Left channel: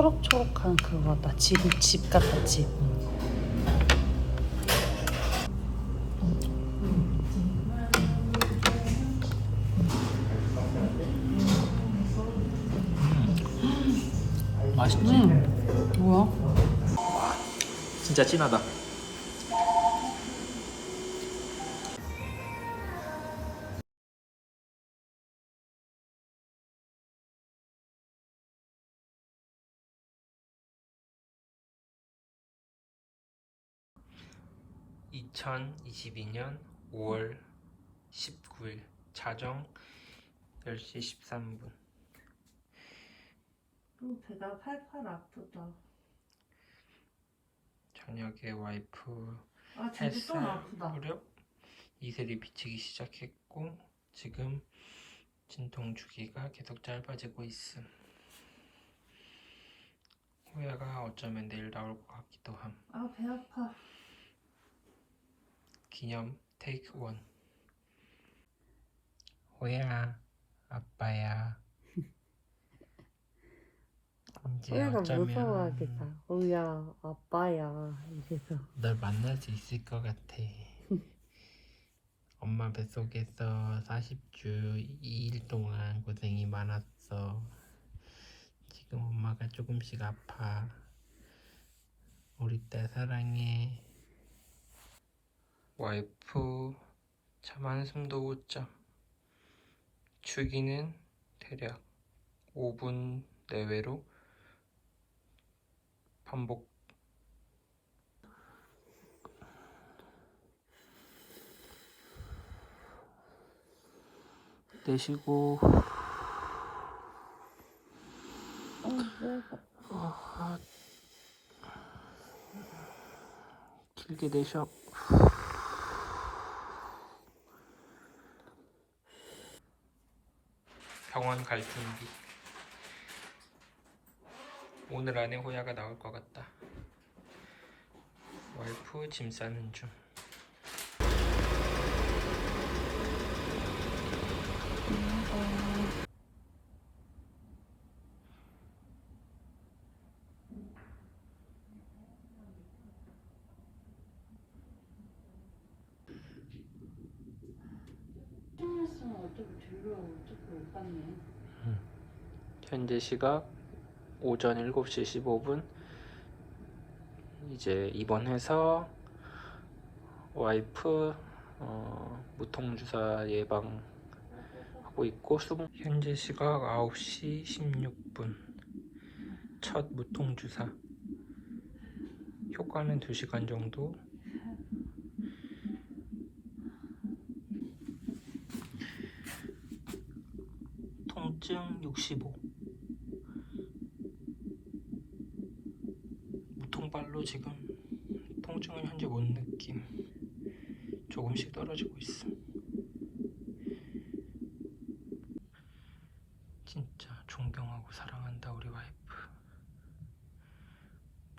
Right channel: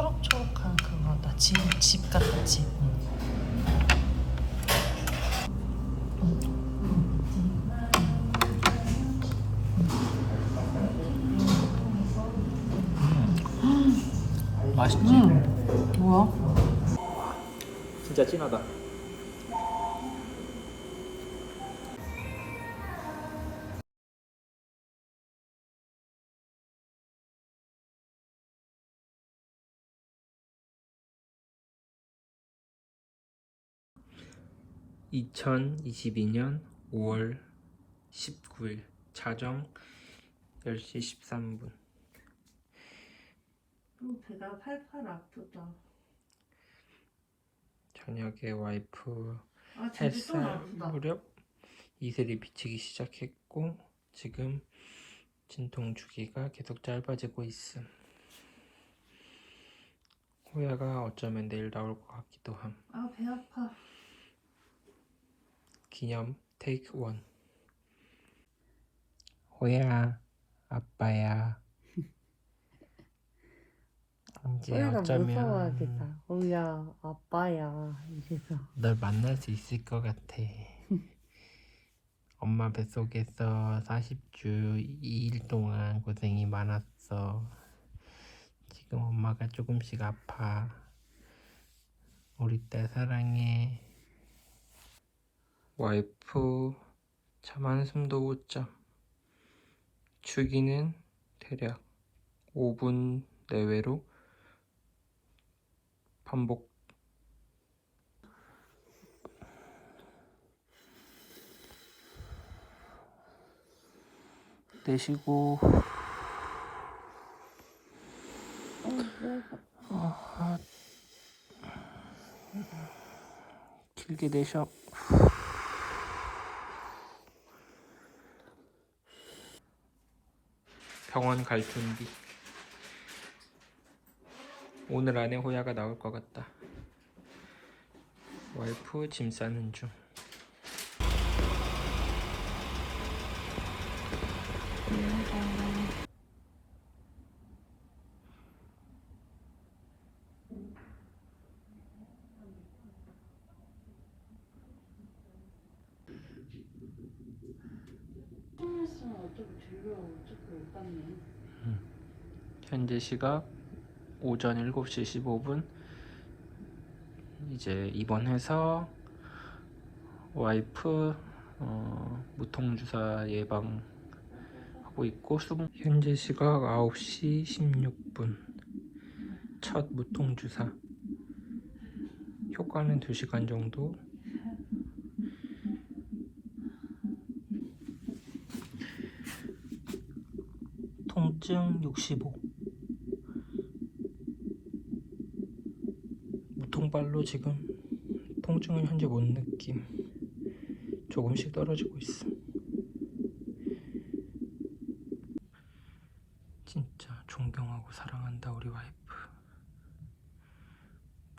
초록초록한 그거다. 집, 집 같다, 집. 음? 진짜 진하다. (2022년 5월 19일) 자정 (10시 13분) 음, 배가 팔팔 아프다. 저녁에 와이프 아, 햇살. 무렵 이슬이 비치기 시작했고 지금 진통 주기가 계속 짧아지고 있음. 호야가 어쩌면 내일 나올 것 같기도 함. 아, 배 아파. 기념 테이크 원. 호야, 아빠야. 이제 어쩌면 무서워하겠다. 오야, 아빠야. 이래서. 널 만날 수 있을 것 같아. 엄마 뱃속에서 40주 2일 동안 고생이 많았어. 지금 엄마가 조금씩 아파. 우리 딸 사랑해. 와이프 잠 한숨도 못 자. 주기는 대략 5분 내외로 반복. 내쉬고. 아, 길게 내쉬어 병원 갈 준비. 오늘 안에 호야가 나올 것 같다. 와이프 짐 싸는 중 현재 시각 오전 7시 15분. 이제 입원해서 와이프 어, 무통주사 예방 하고 있고 수분. 현재 시각 9시 16분. 첫 무통주사. 효과는 2시간 정도 통증 65 무통발로 지금 통증은 현재 못 느낌. 조금씩 떨어지고 있어. 진짜 존경하고 사랑한다 우리 와이프.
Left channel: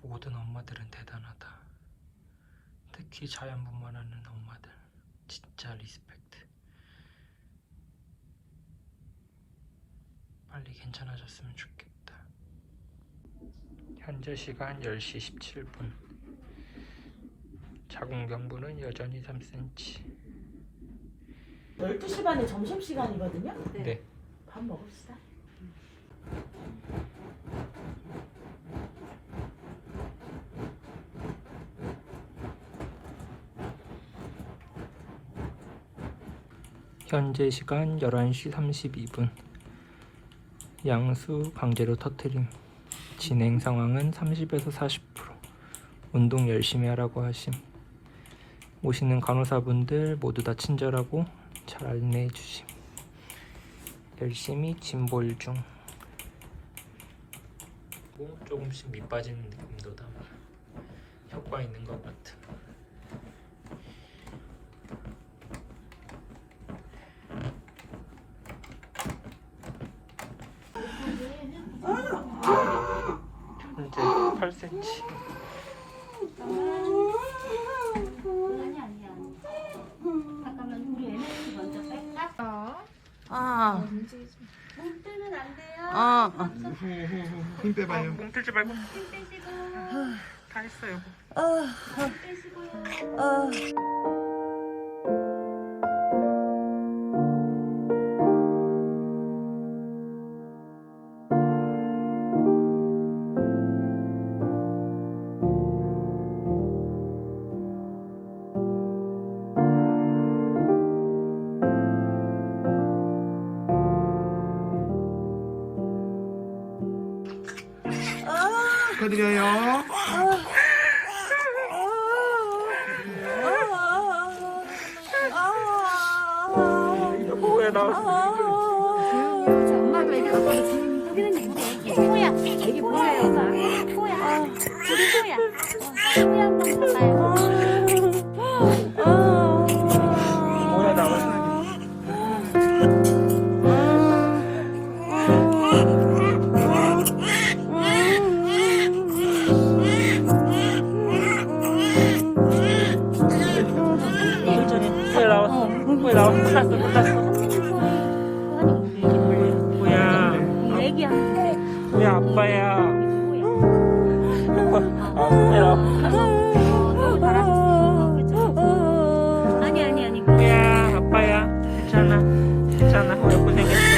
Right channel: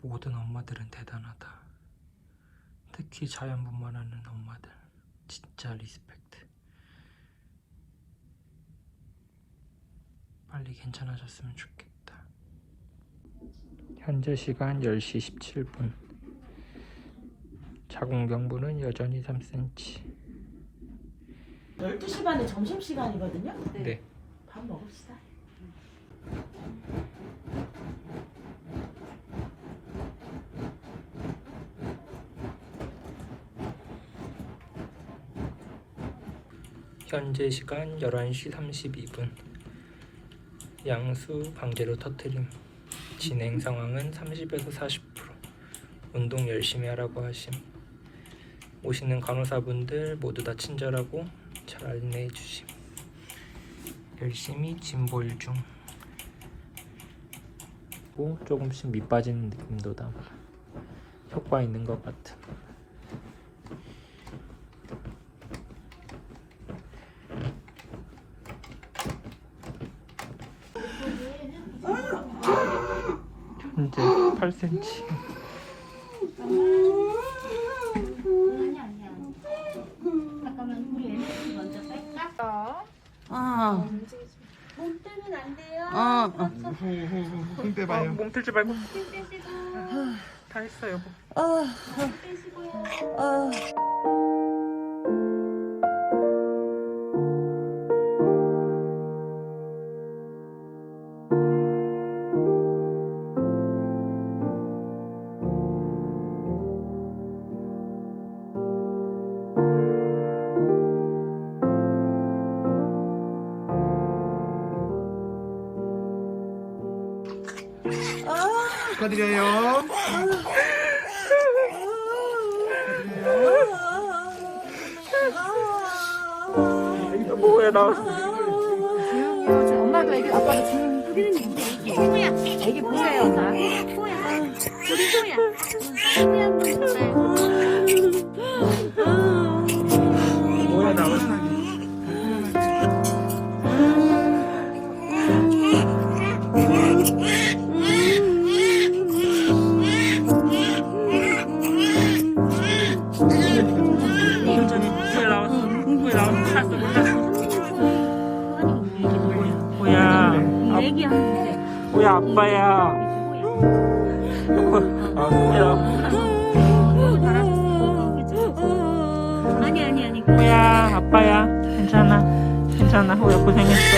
모든 엄마들은 대단하다. 특히 자연분만하는 엄마들. 진짜 리스펙트 빨리 괜찮아졌으면 좋겠다. 현재 시간 10시 17분. 자궁경부는 여전히 3cm. 12시 반에 점심시간이거든요? 네. 밥 먹읍시다. 현재 시간 11시 32분. 양수 강제로 터트림. 진행 상황은 30에서 40%. 운동 열심히 하라고 하심. 오시는 간호사분들 모두 다 친절하고 잘 안내해 주심. 열심히 짐볼 중. 뭐 조금씩 밑 빠지는 느낌도 담아. 효과 있는 것 같은. 8cm. 아니 아니야. 잠깐만 우리 MSG 먼저 뺄까? 아, 몸 뜨면 안 돼요. 어, 어. 힘 빼봐요. 몸 들지 말고. 다 했어 여보. 축 하드려요. 뭐야 나. 누구야 아빠야. 아 누구야. 아니 아니 아니 누구야 아빠야. 괜찮아. 괜찮아. 호야 고생했어.